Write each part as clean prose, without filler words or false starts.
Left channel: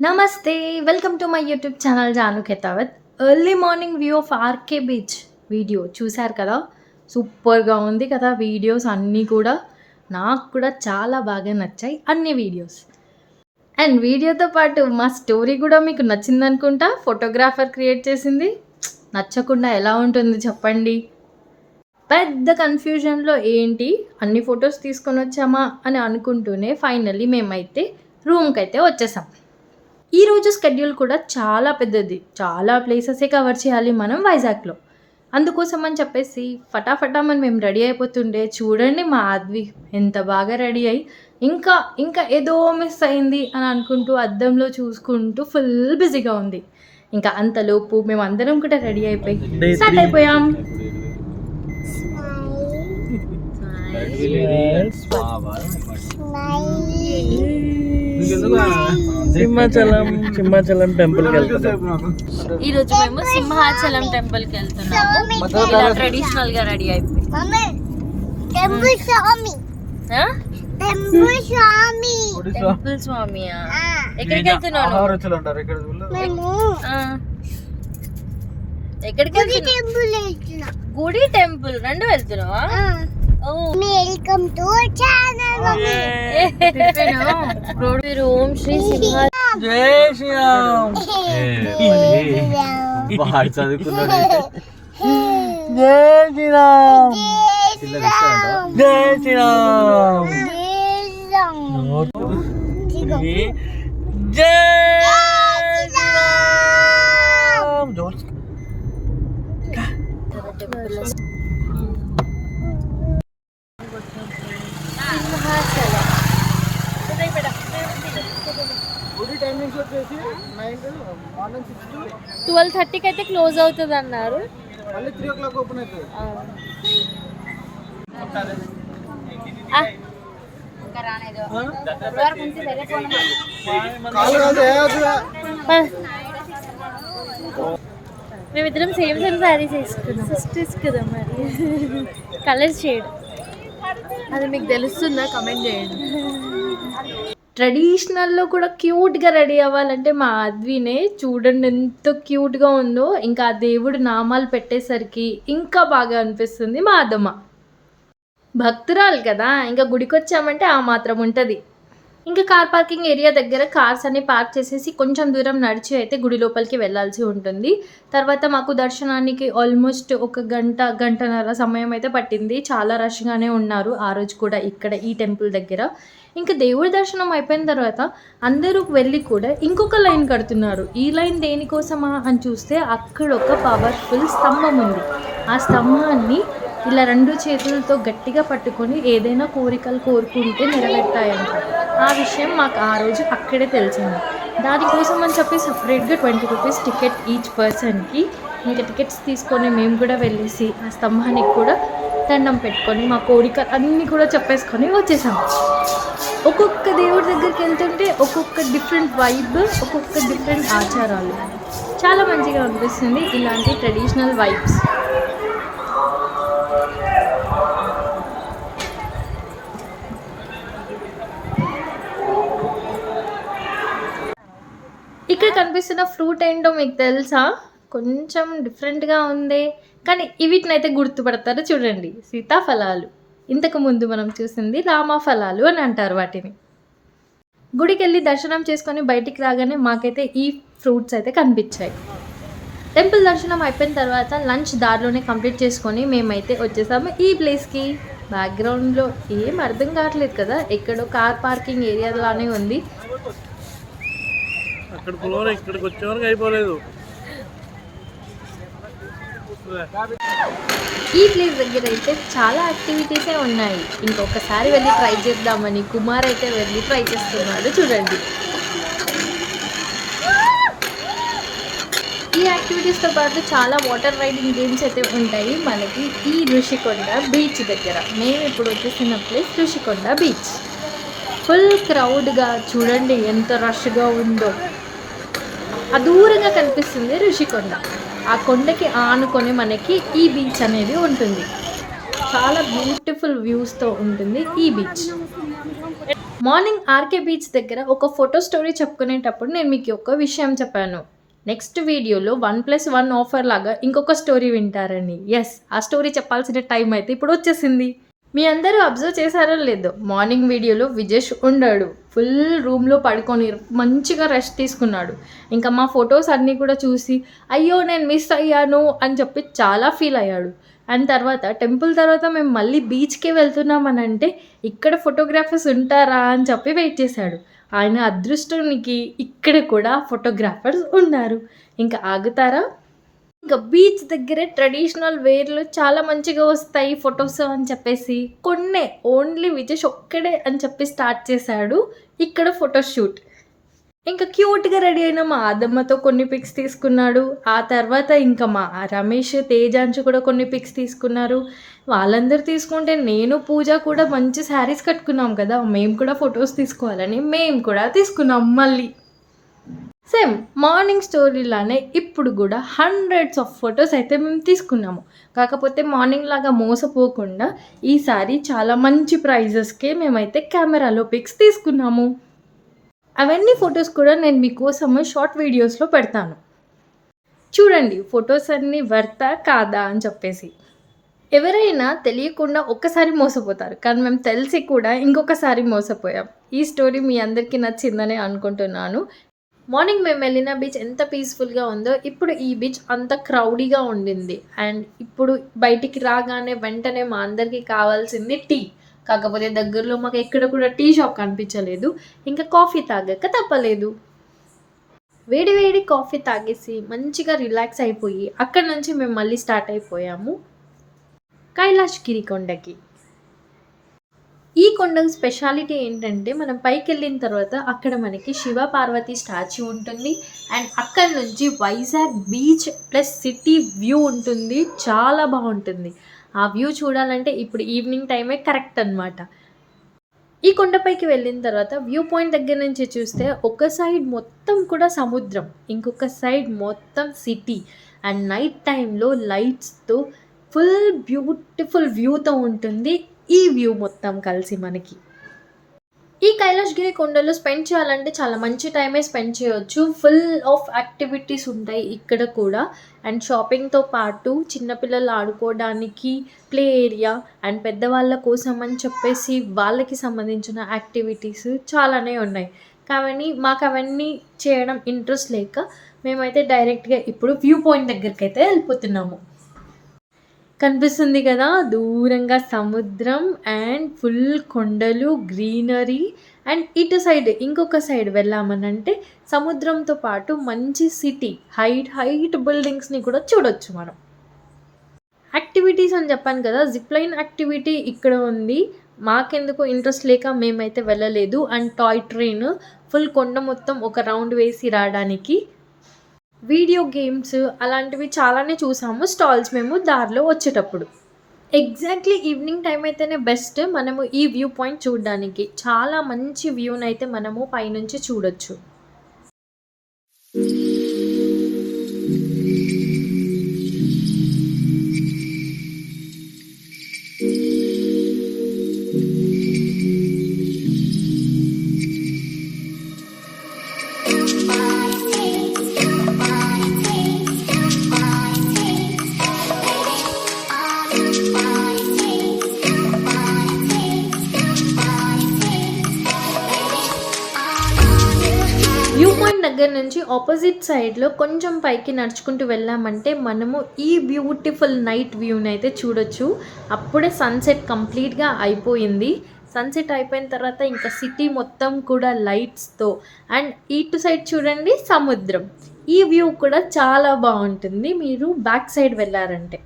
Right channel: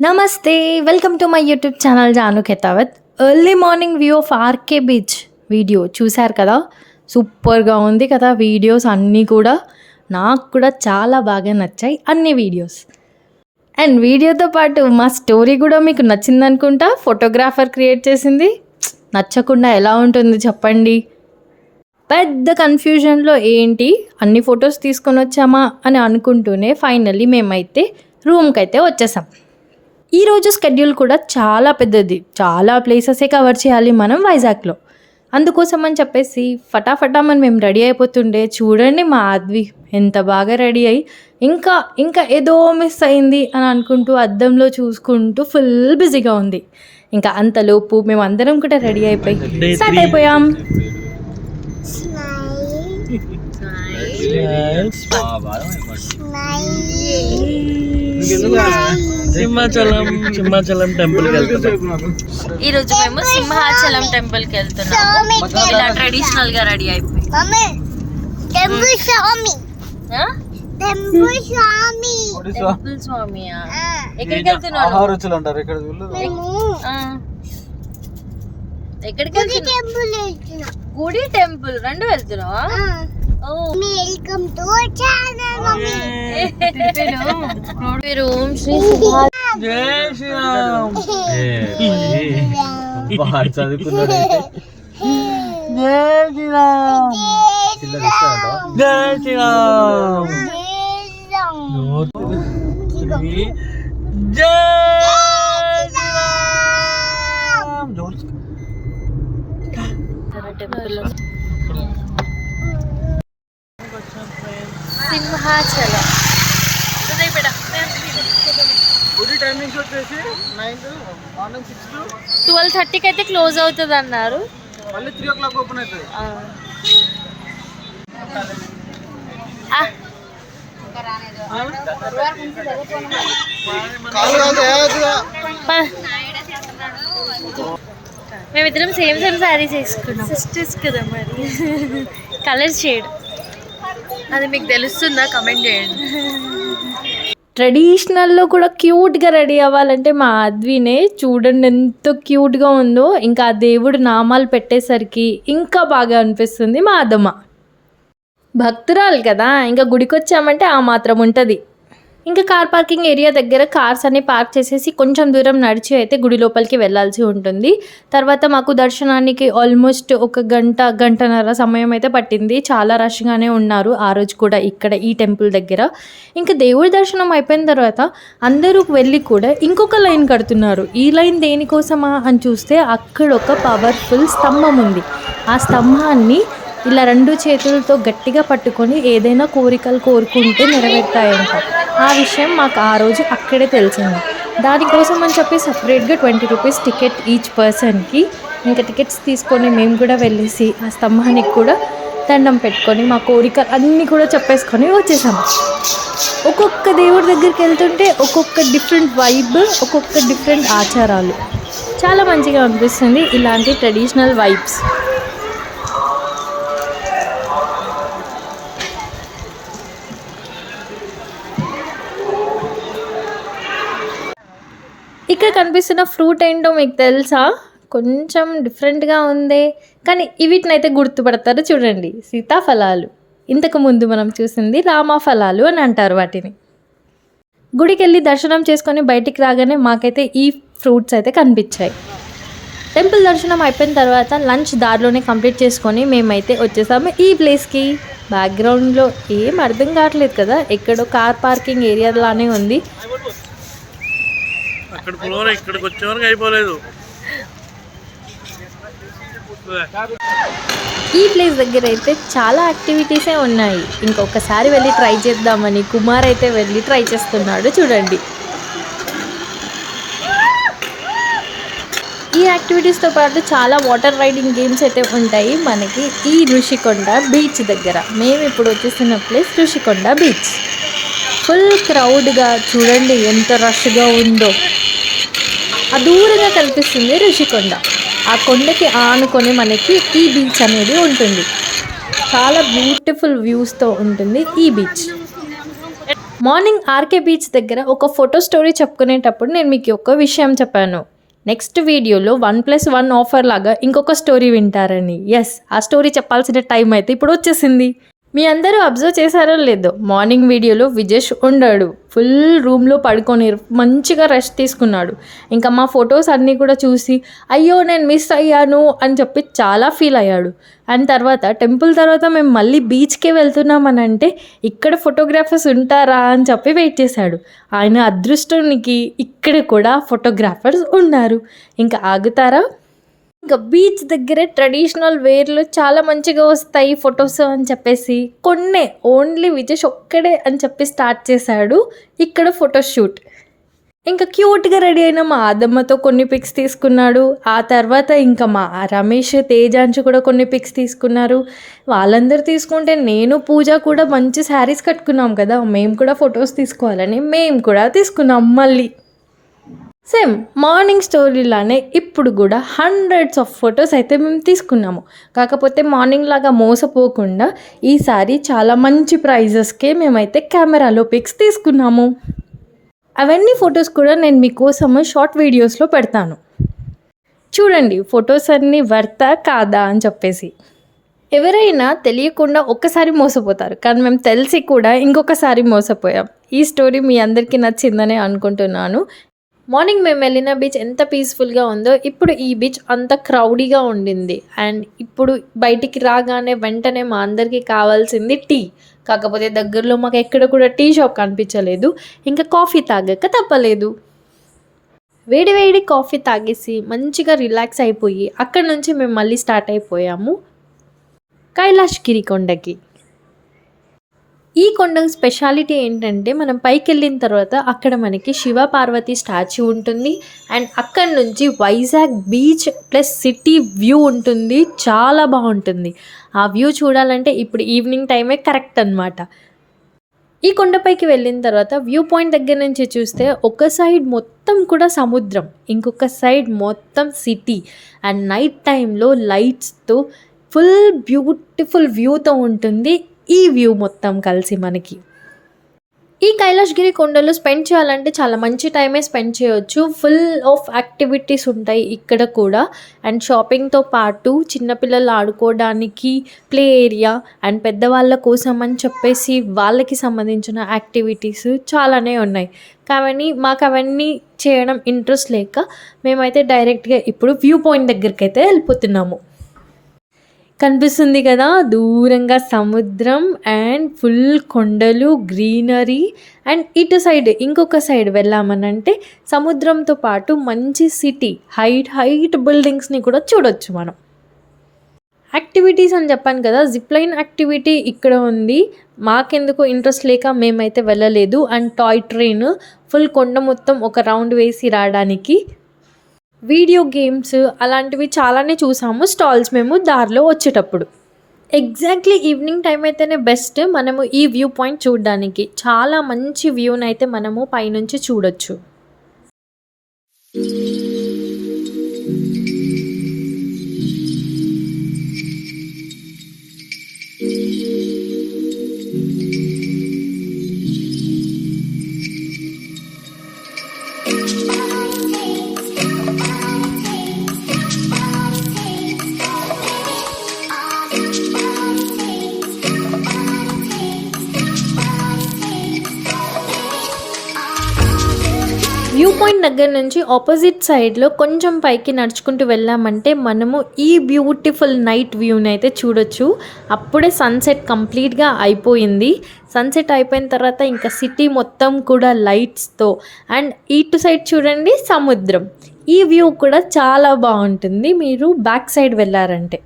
నమస్తే. Welcome to my YouTube channel Janu Khetavath. Early morning view of RK beach video చూశారు కదా! సూపర్‌గా ఉంది కదా! వీడియోస్ అన్నీ కూడా. నాకు కూడా చాలా బాగా నచ్చాయి అన్ని వీడియోస్. అండ్ వీడియోతో పాటు మా స్టోరీ కూడా మీకు నచ్చిందనుకుంటా. ఫోటోగ్రాఫర్ క్రియేట్ చేసింది. నచ్చకుండా ఎలా ఉంటుంది చెప్పండి? పెద్ద కన్‌ఫ్యూజన్‌లో ఏంటి అన్ని ఫోటోస్ తీసుకొనొచ్చామా అని అనుకుంటూనే ఫైనల్లీ మేమైతే రూమ్‌కైతే వచ్చేసాం. ఈరోజు స్కెడ్యూల్ కూడా చాలా పెద్దది. చాలా ప్లేసెసే కవర్ చేయాలి మనం వైజాగ్‌లో. అందుకోసం అని చెప్పేసి ఫటాఫటామని మేము రెడీ అయిపోతుండే చూడండి మా ఆద్వి ఎంత బాగా రెడీ అయ్యి ఇంకా ఏదో మిస్ అయింది అని అనుకుంటూ అద్దంలో చూసుకుంటూ ఫుల్ బిజీగా ఉంది. ఇంకా అంతలోపు మేమందరం కూడా రెడీ అయిపోయి స్టార్ట్ అయిపోయాం. సింహాచలం టెంపుల్ కి వెళ్తున్నాం. ఈ రోజు మేము సింహాచలం టెంపుల్ కి వెళ్తున్నాము. ఇలా ట్రెడిషనల్ గా రెడీ అయిపోయి టెంపుల్ స్వామి ఎక్కడికి వెళ్తున్నావు? ఎక్కడికి గుడి టెంపుల్ రెండు వెళ్తున్నావా? Welcome to channel mummy. ఓం శ్రీ జై శ్రీరామ్. బాగా చదువుకున్నాడు. జై శ్రీరామ్. జై శ్రీరామ్. జై శ్రీరామ్. టెంపుల్ సింహాచలం. గుడి టైమింగ్స్ వచ్చేసి 9 మార్నింగ్ 6 to 12:30కి అయితే క్లోజ్ అవుతుంది అన్నారు. మళ్ళీ 3 o'clock ఓపెన్ అవుతుంది. మేమిద్దరం సేమ్ శారీస్ వేసుకున్నాం. సిస్టర్స్ కదా మరి. కలర్ షేడ్ అది మీకు తెలుస్తుందా? కమెంట్ చేయండి. ట్రెడిషనల్లో కూడా క్యూట్గా రెడీ అవ్వాలంటే మా ఆద్వినే చూడండి ఎంత క్యూట్గా ఉందో. ఇంకా ఆ దేవుడు నామాలు పెట్టేసరికి ఇంకా బాగా అనిపిస్తుంది మా అదమ్మ. భక్తురాలు కదా, ఇంకా గుడికి వచ్చామంటే ఆ మాత్రం ఉంటుంది. ఇంకా కార్ పార్కింగ్ ఏరియా దగ్గర కార్స్ అన్ని పార్క్ చేసేసి కొంచెం దూరం నడిచి అయితే గుడి లోపలికి వెళ్ళాల్సి ఉంటుంది. తర్వాత మాకు దర్శనానికి ఆల్మోస్ట్ ఒక గంటన్నర సమయం అయితే పట్టింది. చాలా రష్గానే ఉన్నారు ఆ రోజు కూడా ఇక్కడ ఈ టెంపుల్ దగ్గర. ఇంకా దేవుడి దర్శనం అయిపోయిన తర్వాత అందరూ వెళ్ళి కూడా ఇంకొక లైన్ కడుతున్నారు. ఈ లైన్ దేనికోసమా అని చూస్తే అక్కడ ఒక పవర్ఫుల్ స్తంభం ఉంది. ఆ స్తంభాన్ని ఇలా 2 చేతులతో గట్టిగా పట్టుకొని ఏదైనా కోరికలు కోరుకుంటే నెరవేరుతాయంట. ఆ విషయం మాకు ఆ రోజు అక్కడే తెలిసింది. దానికోసం అని చెప్పి సపరేట్గా 20 రూపీస్ టికెట్ ఈచ్ పర్సన్కి. ఇంకా టికెట్స్ తీసుకొని మేము కూడా వెళ్ళేసి ఆ స్తంభానికి కూడా దండం పెట్టుకొని మా కోరికలు అన్నీ కూడా చెప్పేసుకొని వచ్చేసాము. ఒక్కొక్క దేవుడి దగ్గరికి వెళ్తుంటే ఒక్కొక్క డిఫరెంట్ వైబ్, ఒక్కొక్క డిఫరెంట్ ఆచారాలు. చాలా మంచిగా అనిపిస్తుంది ఇలాంటి ట్రెడిషనల్ వైబ్స్. ఇక్కడ కనిపిస్తున్న ఫ్రూట్ ఏంటో మీకు తెలుసా? కొంచెం డిఫరెంట్గా ఉంది కానీ వీటినైతే గుర్తుపడతారు చూడండి. సీతాఫలాలు. ఇంతకుముందు మనం చూసింది రామఫలాలు అని అంటారు వాటిని. గుడికి వెళ్ళి దర్శనం చేసుకొని బయటికి రాగానే మాకైతే ఈ ఫ్రూట్స్ అయితే కనిపించాయి. టెంపుల్ దర్శనం అయిపోయిన తర్వాత లంచ్ దారిలోనే కంప్లీట్ చేసుకొని మేమైతే వచ్చేసాము ఈ ప్లేస్కి. బ్యాక్గ్రౌండ్లో ఏం అర్థం కావట్లేదు కదా, ఎక్కడో కార్ పార్కింగ్ ఏరియా లానే ఉంది. అక్కడ ఫ్లోర్ ఇక్కడికి వచ్చే వరకు అయిపోలేదు. ఈ ప్లేస్ దగ్గర అయితే చాలా యాక్టివిటీసే ఉన్నాయి. ఇంకొకసారి వెళ్ళి ట్రై చేద్దామని కుమార్ అయితే వెళ్ళి ట్రై చేస్తున్నాడు చూడండి. ఈ యాక్టివిటీస్తో పాటు చాలా వాటర్ రైడింగ్ గేమ్స్ అయితే ఉంటాయి మనకి ఈ ఋషికొండ బీచ్ దగ్గర. మేము ఇప్పుడు వచ్చేసిన ప్లేస్ ఋషికొండ బీచ్. ఫుల్ క్రౌడ్గా చూడండి ఎంత రష్గా ఉందో. దూరంగా కనిపిస్తుంది ఋషికొండ. ఆ కొండకి ఆనుకొని మనకి ఈ బీచ్ అనేది ఉంటుంది. చాలా బ్యూటిఫుల్ వ్యూస్తో ఉంటుంది ఈ బీచ్. మార్నింగ్ ఆర్కే బీచ్ దగ్గర ఒక ఫోటో స్టోరీ చెప్పుకునేటప్పుడు నేను మీకు ఒక విషయం చెప్పాను. నెక్స్ట్ వీడియోలో 1+1 ఆఫర్ లాగా ఇంకొక స్టోరీ వింటారని. ఆ స్టోరీ చెప్పాల్సిన టైం అయితే ఇప్పుడు వచ్చేసింది. మీ అందరూ అబ్జర్వ్ చేశారో లేదో, మార్నింగ్ వీడియోలో విజేష్ ఉండాడు. ఫుల్ రూమ్లో పడుకొని మంచిగా రెస్ట్ తీసుకున్నాడు. ఇంకా మా ఫొటోస్ అన్నీ కూడా చూసి అయ్యో నేను మిస్ అయ్యాను అని చెప్పి చాలా ఫీల్ అయ్యాడు. అండ్ తర్వాత టెంపుల్ తర్వాత మేము మళ్ళీ బీచ్కే వెళ్తున్నామని అంటే ఇక్కడ ఫోటోగ్రాఫర్స్ ఉంటారా అని చెప్పి వెయిట్ చేశాడు. ఆయన అదృష్టానికి ఇక్కడ కూడా ఫోటోగ్రాఫర్స్ ఉన్నారు. ఇంకా ఆగుతారా? ఇంకా బీచ్ దగ్గరే ట్రెడిషనల్ వేర్లో చాలా మంచిగా వస్తాయి ఫొటోస్ అని చెప్పేసి కొన్నే ఓన్లీ విజేష్ ఒక్కడే అని చెప్పి స్టార్ట్ చేశాడు ఇక్కడ ఫోటోషూట్. ఇంకా క్యూట్గా రెడీ అయిన మా ఆదమ్మతో కొన్ని పిక్స్ తీసుకున్నాడు. ఆ తర్వాత ఇంకా మా రమేష్ తేజాంశు కూడా కొన్ని పిక్స్ తీసుకున్నారు. వాళ్ళందరూ తీసుకుంటే నేను పూజ కూడా మంచి శారీస్ కట్టుకున్నాం కదా, మేము కూడా ఫొటోస్ తీసుకోవాలని మేము కూడా తీసుకున్నాం. మళ్ళీ సేమ్ మార్నింగ్ స్టోరీలానే ఇప్పుడు కూడా హండ్రెడ్స్ ఆఫ్ ఫొటోస్ అయితే మేము తీసుకున్నాము. కాకపోతే మార్నింగ్ లాగా మోసపోకుండా ఈసారి చాలా మంచి ప్రైజెస్కే మేమైతే కెమెరాలో పిక్స్ తీసుకున్నాము. అవన్నీ ఫొటోస్ కూడా నేను మీకోసము షార్ట్ వీడియోస్లో పెడతాను. చూడండి ఫొటోస్ అన్నీ వర్తా కాదా అని చెప్పేసి. ఎవరైనా తెలియకుండా ఒక్కసారి మోసపోతారు, కానీ మేము తెలిసి కూడా ఇంకొకసారి మోసపోయాం. ఈ స్టోరీ మీ అందరికీ నచ్చిందనే అనుకుంటున్నాను. మార్నింగ్ మేము వెళ్ళిన బీచ్ ఎంత పీస్ఫుల్గా ఉందో ఇప్పుడు ఈ బీచ్ అంత క్రౌడీగా ఉండింది. అండ్ ఇప్పుడు బయటికి రాగానే వెంటనే మా అందరికీ కావాల్సింది టీ. కాకపోతే దగ్గరలో మాకు ఎక్కడ కూడా టీ షాప్ కనిపించలేదు. ఇంకా కాఫీ తాగక తప్పలేదు. వేడి కాఫీ తాగేసి మంచిగా రిలాక్స్ అయిపోయి అక్కడ నుంచి మేము మళ్ళీ స్టార్ట్ అయిపోయాము కైలాష్గిరి కొండకి. ఈ కొండ స్పెషాలిటీ ఏంటంటే మనం పైకి వెళ్ళిన తర్వాత అక్కడ మనకి శివ పార్వతి స్టాచ్యూ ఉంటుంది. అండ్ అక్కడ నుంచి Vizag beach plus city view ఉంటుంది. చాలా బాగుంటుంది. ఆ వ్యూ చూడాలంటే ఇప్పుడు ఈవినింగ్ టైమే కరెక్ట్ అనమాట. ఈ కొండపైకి వెళ్ళిన తర్వాత వ్యూ పాయింట్ దగ్గర నుంచి చూస్తే ఒక సైడ్ మొత్తం కూడా సముద్రం, ఇంకొక సైడ్ మొత్తం సిటీ. అండ్ నైట్ టైంలో లైట్స్తో ఫుల్ బ్యూటిఫుల్ వ్యూతో ఉంటుంది ఈ వ్యూ మొత్తం కలిసి మనకి. ఈ కైలాష్గిరి కొండలో స్పెండ్ చేయాలంటే చాలా మంచి టైమే స్పెండ్ చేయొచ్చు. ఫుల్ ఆఫ్ యాక్టివిటీస్ ఉంటాయి ఇక్కడ కూడా. అండ్ షాపింగ్తో పాటు చిన్నపిల్లలు ఆడుకోవడానికి ప్లే ఏరియా అండ్ పెద్దవాళ్ళ కోసం అని చెప్పేసి వాళ్ళకి సంబంధించిన యాక్టివిటీస్ చాలానే ఉన్నాయి. కానీ మాకు అవన్నీ చేయడం ఇంట్రెస్ట్ లేక మేమైతే డైరెక్ట్గా ఇప్పుడు వ్యూ పాయింట్ దగ్గరికి అయితే వెళ్ళిపోతున్నాము. కనిపిస్తుంది కదా దూరంగా సముద్రం అండ్ ఫుల్ కొండలు, గ్రీనరీ. అండ్ ఇటు సైడ్ ఇంకొక సైడ్ వెళ్ళామనంటే సముద్రంతో పాటు మంచి సిటీ, హైట్ బిల్డింగ్స్ని కూడా చూడొచ్చు మనం. యాక్టివిటీస్ అని చెప్పాను కదా, జిప్లైన్ యాక్టివిటీ ఇక్కడ ఉంది. మాకెందుకు ఇంట్రెస్ట్ లేక మేమైతే వెళ్ళలేదు. అండ్ టాయ్ ట్రైన్ ఫుల్ కొండ మొత్తం ఒక రౌండ్ వేసి రావడానికి. వీడియో గేమ్స్ అలాంటివి చాలానే చూసాము స్టాల్స్ మేము దారిలో వచ్చేటప్పుడు. ఎగ్జాక్ట్లీ ఈవినింగ్ టైం అయితేనే బెస్ట్ మనము ఈ వ్యూ పాయింట్ చూడడానికి. చాలా మంచి వ్యూని అయితే మనము పైనుంచి చూడొచ్చు. వ్యూ పాయింట్ దగ్గర నుంచి ఆపోజిట్ సైడ్లో కొంచెం పైకి నడుచుకుంటూ వెళ్ళామంటే మనము ఈ బ్యూటిఫుల్ నైట్ వ్యూని అయితే చూడొచ్చు. అప్పుడే సన్సెట్ కంప్లీట్గా అయిపోయింది. సన్సెట్ అయిపోయిన తర్వాత ఇంకా సిటీ మొత్తం కూడా లైట్స్తో. అండ్ ఇటు సైడ్ చూడండి సముద్రం. ఈ వ్యూ కూడా చాలా బాగుంటుంది మీరు బ్యాక్ సైడ్ వెళ్ళారంటే.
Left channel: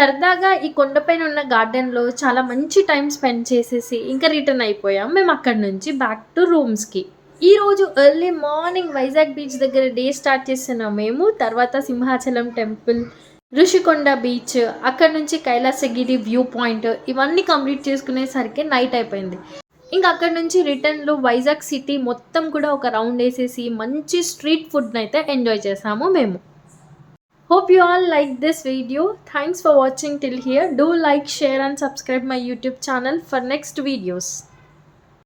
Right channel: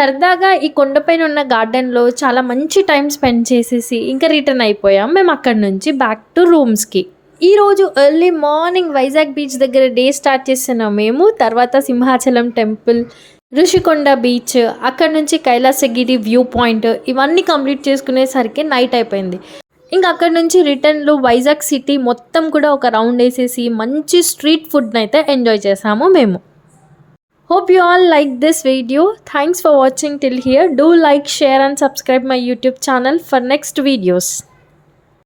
సరదాగా ఈ కొండపైన ఉన్న గార్డెన్లో చాలా మంచి టైం స్పెండ్ చేసేసి ఇంకా రిటర్న్ అయిపోయాం మేము అక్కడి నుంచి బ్యాక్ టు రూమ్స్కి. ఈరోజు ఎర్లీ మార్నింగ్ వైజాగ్ బీచ్ దగ్గర డే స్టార్ట్ చేస్తున్నాం మేము. తర్వాత సింహాచలం టెంపుల్, ఋషికొండ బీచ్, అక్కడ నుంచి కైలాసగిరి వ్యూ పాయింట్ ఇవన్నీ కంప్లీట్ చేసుకునేసరికి నైట్ అయిపోయింది. ఇంకా అక్కడ నుంచి రిటర్న్లో వైజాగ్ సిటీ మొత్తం కూడా ఒక రౌండ్ వేసేసి మంచి స్ట్రీట్ ఫుడ్ని అయితే ఎంజాయ్ చేసాము మేము. Hope you all like this video. Thanks for watching till here. Do like, share and subscribe my YouTube channel for next videos.